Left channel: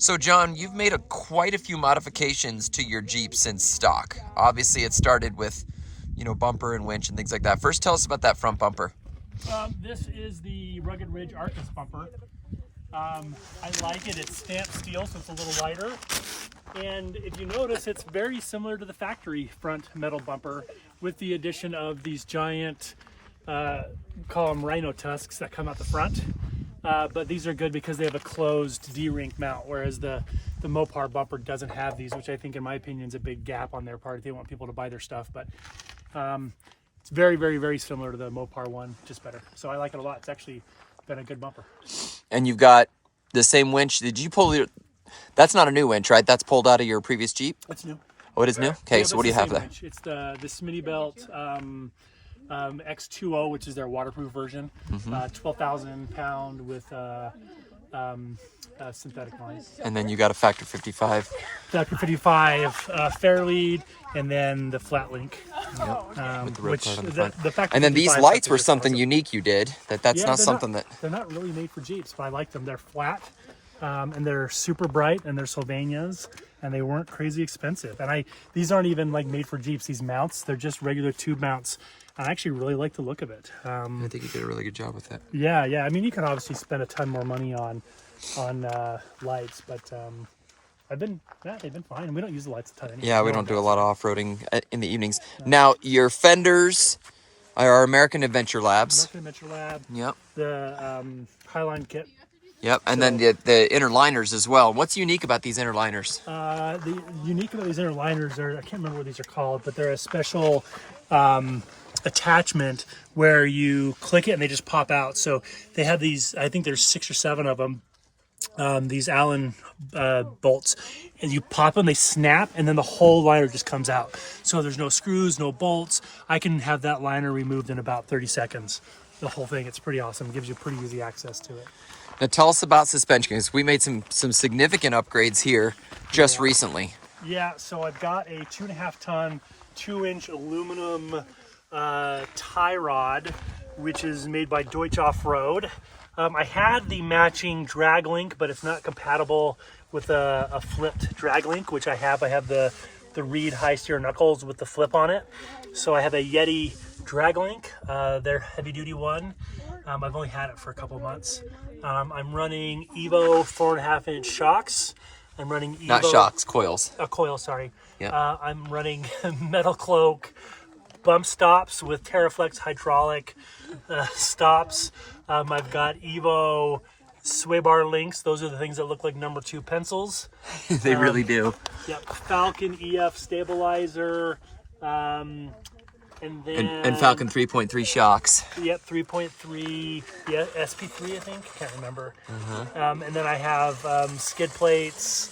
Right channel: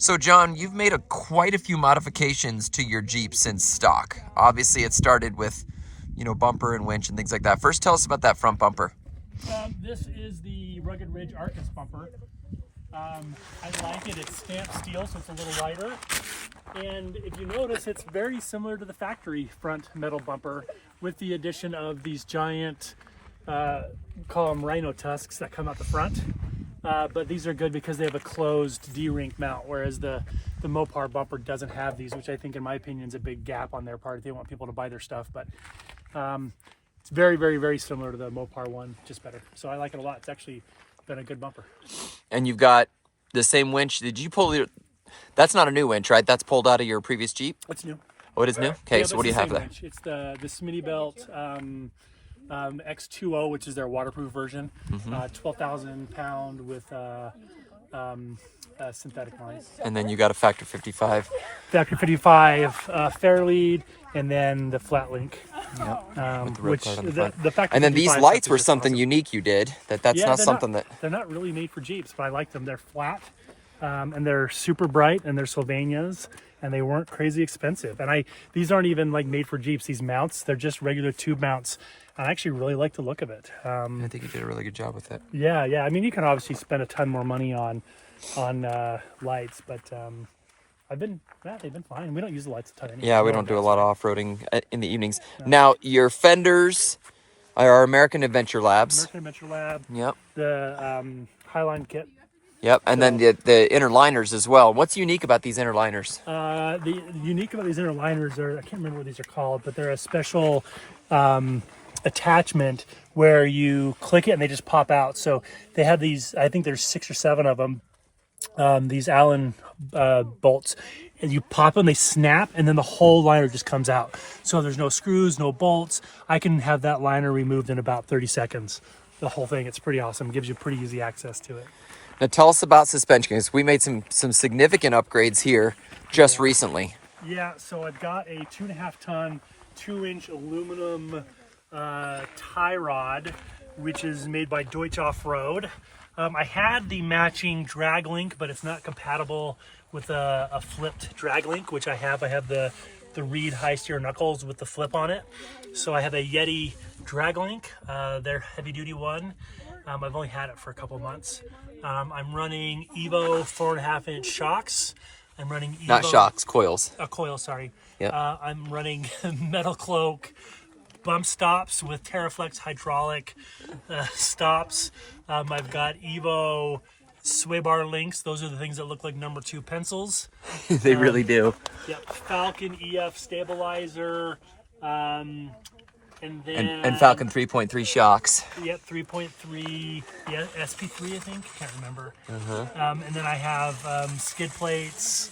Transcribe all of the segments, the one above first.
So John, you've made quite a few modifications to your Jeep since stock. Obviously it started with, you know, bumper and winch and things like that. First, tell us about that front bumper. This is the Rugged Ridge Arcus bumper. I like it. It's stamped steel, so it's a little lighter. And if you notice, it's very similar to the factory front metal bumper with the addition of these giant, call them rhino tusks that come out the front. But these are good because they have a closed D-ring mount, whereas the Mopar bumper doesn't have these, which I think, in my opinion, is a big gap on their part. They want people to buy their stuff, but it's very, very, very similar to the Mopar one, just better. So I like it a lot. It's actually been a good bumper. And you've got the same winch. Did you pull your... That's not a new winch, right? That's pulled out of your previous Jeep? It's new. Oh, it is new? Okay, yeah, so what do you have there? Winch. It's the Smittybilt X2O, which is their waterproof version. 12,000 pound with synthetic lines. And then you got a Factor 55. Factor 55 Fairlead, and then the Flatlink. Yep. With the road card on the front. And then these lights were something unique you did. That's not something that... They're not really made for Jeeps, but I like them. They're flat, and they're super bright, and they're Sylvanias, and they weren't crazy expensive. And these aren't even like made for Jeeps, these mounts. They're just regular tube mounts. I actually really like the look of it. I think you did a really good job with it. Yeah. I mean, you can obviously spend a ton more money on lights, but they've been fine. We don't use the lights a ton anymore. Yeah, we don't do a lot of off-roading in the evenings. No. Now, your fenders are American Adventure Labs. American Adventure Lab. Yep. The High-Line kit. Yep, and then the inner liners as well. What's unique about these inner liners? The unique about these inner liners are, I can't remember what these are called, but they're a special attachment where you click it and they just pop out. So they have these, I think there's 6 or 7 of them, these Allen bolts, and you pop them, they snap, and then the whole liner just comes out. So there's no screws, no bolts. I can have that liner removed in about 30 seconds. The whole thing, it's pretty awesome. It gives you pretty easy access to it. Now tell us about suspension, because we made some significant upgrades here just recently. Yeah, so I've got a 2.5 ton, 2-inch aluminum tie rod, which is made by Doetsch Off-Road. I had the matching drag link, but it's not compatible with a flipped drag link, which I have. I have the Reid high steer knuckles with the flip on it. So I have a YETI drag link, their heavy duty one. I've only had it for a couple of months. I'm running Evo 4.5-inch shocks. I'm running Evo... Not shocks, coils. Coils, sorry. Yeah. I'm running Metalcloak bump stops with TERAFLEX hydraulic stops. I've got Evo sway bar links. Those are the things that look like number 2 pencils. They really do. Yeah, FALCON EF stabilizer. And then and FALCON 3.3 shocks. Yep, 3.3. Yeah, SP3 I think. Can't remember. And then I have skid plates.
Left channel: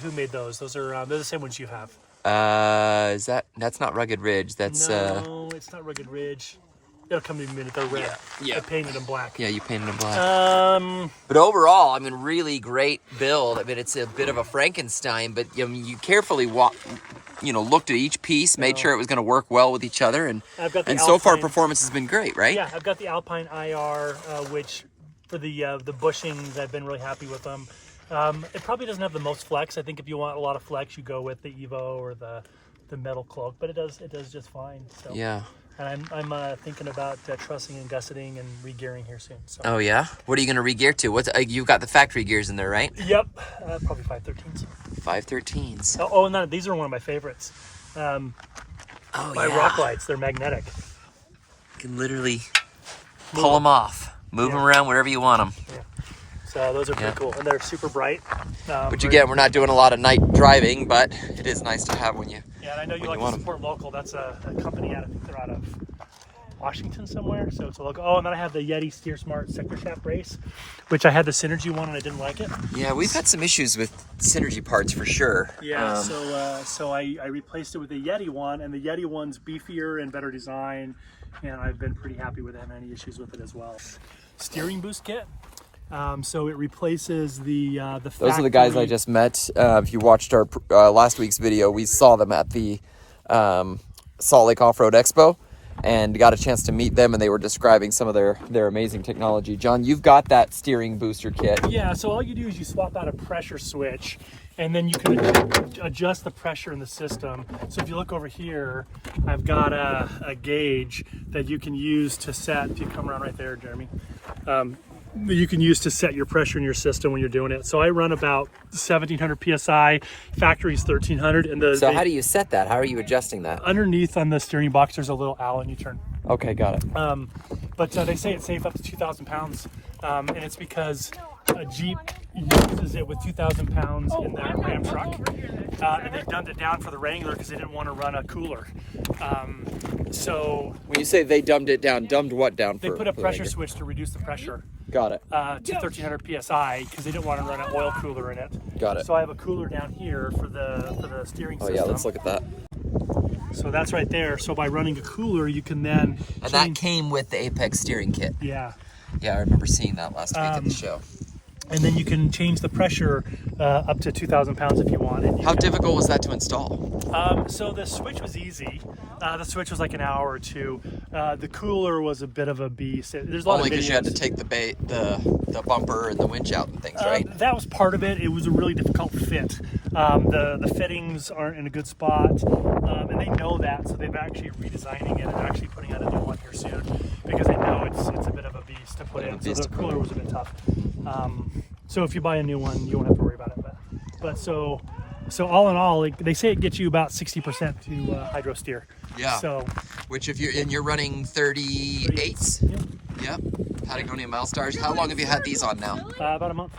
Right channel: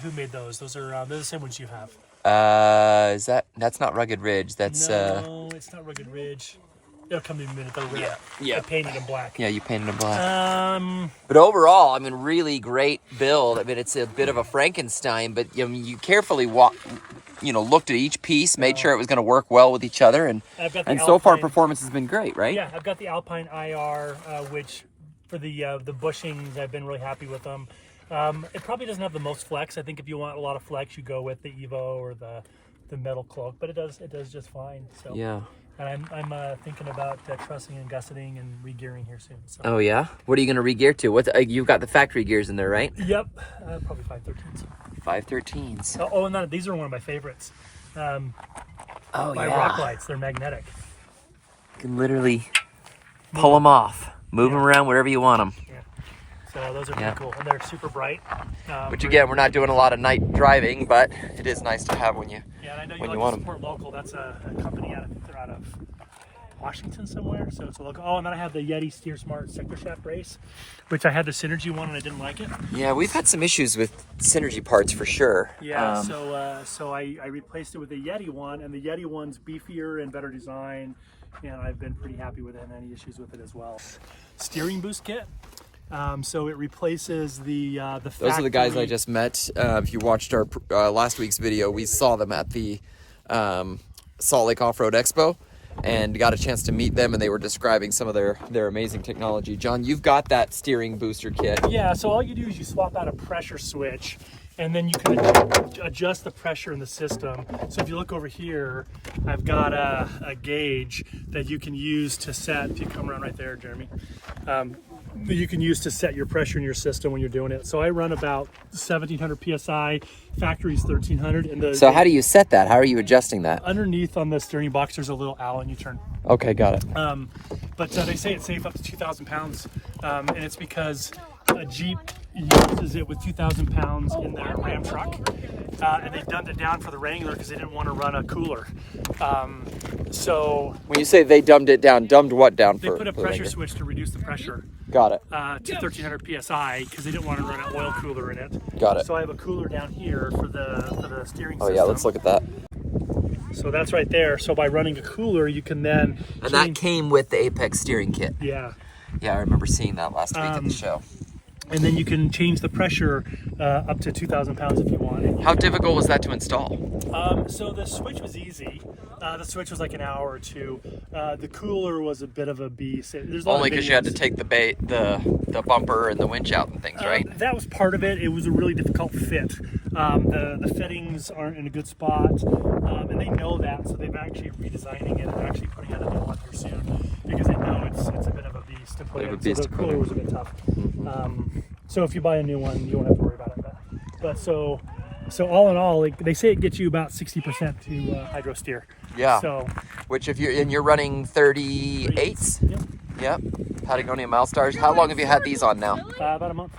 Who made those? Those are they're the same ones you have. That's not Rugged Ridge. That's no, it's not Rugged Ridge. It'll come in a minute. I painted them black. Yeah, you painted them black. But overall, I mean, really great build. I mean, it's a bit of a Frankenstein, but you carefully looked at each piece, made sure it was going to work well with each other, and so far performance has been great, right? Yeah, I've got the Alpine IR, which for the bushings, I've been really happy with them. It probably doesn't have the most flex. I think if you want a lot of flex, you go with the Evo or the Metalcloak, but it does just fine. So. Yeah. And I'm thinking about trussing and gusseting and re-gearing here soon. So. Oh yeah? What are you going to re-gear to? You've got the factory gears in there, right? Yep, probably 513s. 513s. Oh, and these are one of my favorites. My rock lights, they're magnetic. You can literally pull them off, move them around wherever you want them. Yeah. So those are pretty cool, and they're super bright. Which again, we're not doing a lot of night driving, but it is nice to have when you want them. Support local. That's a company they're out of Washington somewhere, so it's a local. Oh, and then I have the YETI Steer Smart sector shaft brace, which I had the Synergy one and I didn't like it. Yeah, we've had some issues with Synergy parts for sure. Yeah, so I replaced it with the YETI one, and the YETI one's beefier and better design, and I've been pretty happy with it and any issues with it as well. Steering boost kit. So it replaces the Those are the guys I just met. If you watched our last week's video, we saw them at the Salt Lake Off-Road Expo. and got a chance to meet them, and they were describing some of their amazing technology. John, you've got that steering booster kit. Yeah, so all you do is you swap out a pressure switch, and then you can adjust the pressure in the system. So if you look over here, I've got a gauge that you can use to set, if you come around right there, Jeremy, you can use to set your pressure in your system when you're doing it. So I run about 1700 PSI, factory's 1300. And so how do you set that? How are you adjusting that? Underneath on the steering box, there's a little Allen you turn. Okay, got it. But they say it's safe up to 2,000 pounds. And it's because a Jeep uses it with 2,000 pounds in their Ram truck. And they dumbed it down for the Wrangler because they didn't want to run a cooler. So when you say they dumbed it down, dumbed what down? They put a pressure switch to reduce the pressure. Got it. To 1300 PSI because they didn't want to run an oil cooler in it. Got it. So I have a cooler down here for the steering system. Oh yeah, let's look at that. So that's right there. So by running a cooler, you can then and that came with the Apex steering kit. Yeah. Yeah, I remember seeing that last week at the show. And then you can change the pressure up to 2,000 pounds if you want. And how difficult was that to install? So the switch was easy. The switch was like an hour or two. The cooler was a bit of a beast. There's only because you had to take the bumper and the winch out and things, right? That was part of it. It was a really difficult fit. The fittings aren't in a good spot, and they know that, so they've actually redesigning it and actually putting out a new one here soon because they know it's a bit of a beast to put in. So the cooler was a bit tough. So if you buy a new one, you won't have to worry about it. But so all in all, like, they say it gets you about 60% to hydro steer. Yeah. So, which if you're running 38s. Yeah. Yep. Patagonia MILESTARs. How long have you had these on now? About a month.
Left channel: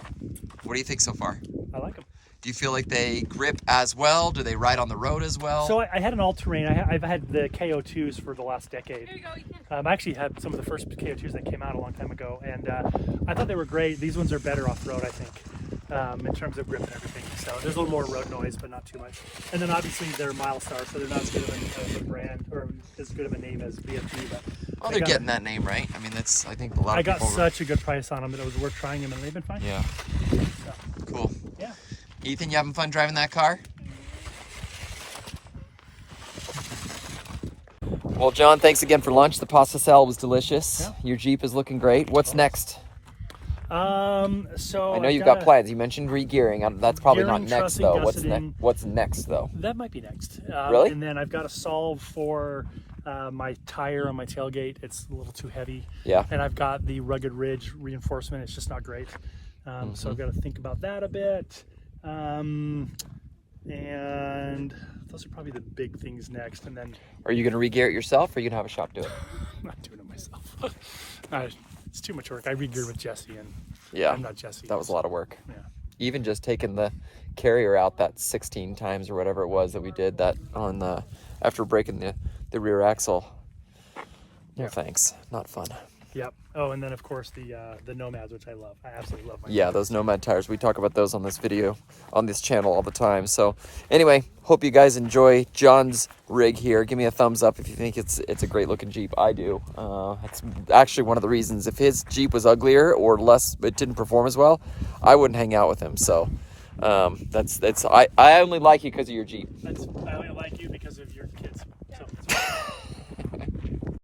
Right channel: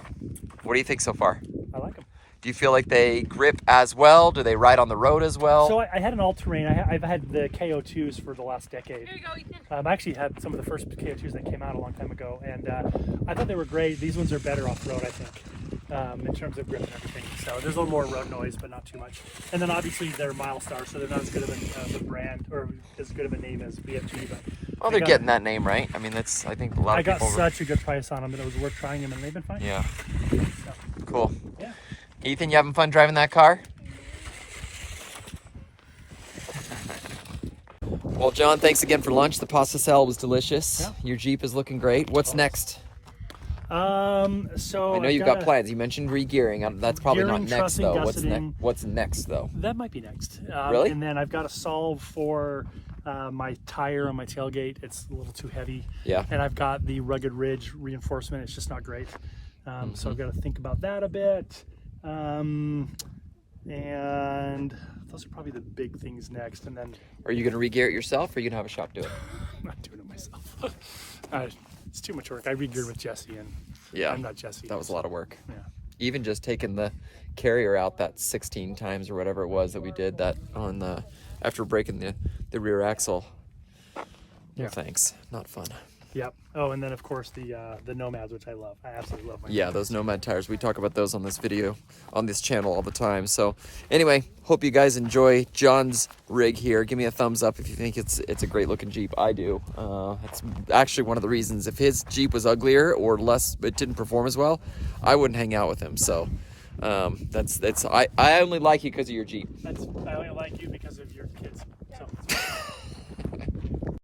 What do you think so far? I like them. Do you feel like they grip as well? Do they ride on the road as well? So I had an all-terrain. I've had the KO2s for the last decade. I actually had some of the first KO2s that came out a long time ago, and I thought they were great. These ones are better off-road, I think, in terms of grip and everything. So there's a little more road noise, but not too much. And then obviously they're MILESTAR, so they're not as good of a brand or as good of a name as BFG. But well, they're getting that name right. I mean, that's, I think a lot of people. I got such a good price on them that it was worth trying them, and they've been fine. Yeah. So, cool. Yeah. Ethan, you having fun driving that car? Well, John, thanks again for lunch. The pasta salad was delicious. Yeah. Your Jeep is looking great. What's next? So I know you've got plans. You mentioned re-gearing. That's probably not next, though. What's next, though? That might be next. Really? And then I've got to solve for my tire on my tailgate. It's a little too heavy. Yeah. And I've got the rugged ridge reinforcement. It's just not great. So I've got to think about that a bit. And those are probably the big things next. And then, are you going to re-gear it yourself, or are you going to have a shop do it? I'm not doing it myself. It's too much work. I re-geared with Jesse, and yeah, I'm not Jesse. That was a lot of work. Yeah. Even just taking the carrier out that 16 times or whatever it was that we did that on the after breaking the rear axle. No thanks, not fun. Yep. Oh, and then of course the NOMADs, which I love. I absolutely love my NOMAD. Those NOMAD tires. We talk about those on this video, on this channel all the time. So anyway, hope you guys enjoy John's rig here. Give me a thumbs up if you think it's a great looking Jeep. I do. It's actually one of the reasons. If his Jeep was uglier or less, it didn't perform as well, I wouldn't hang out with him. So I only like you because of your Jeep. I only like you because of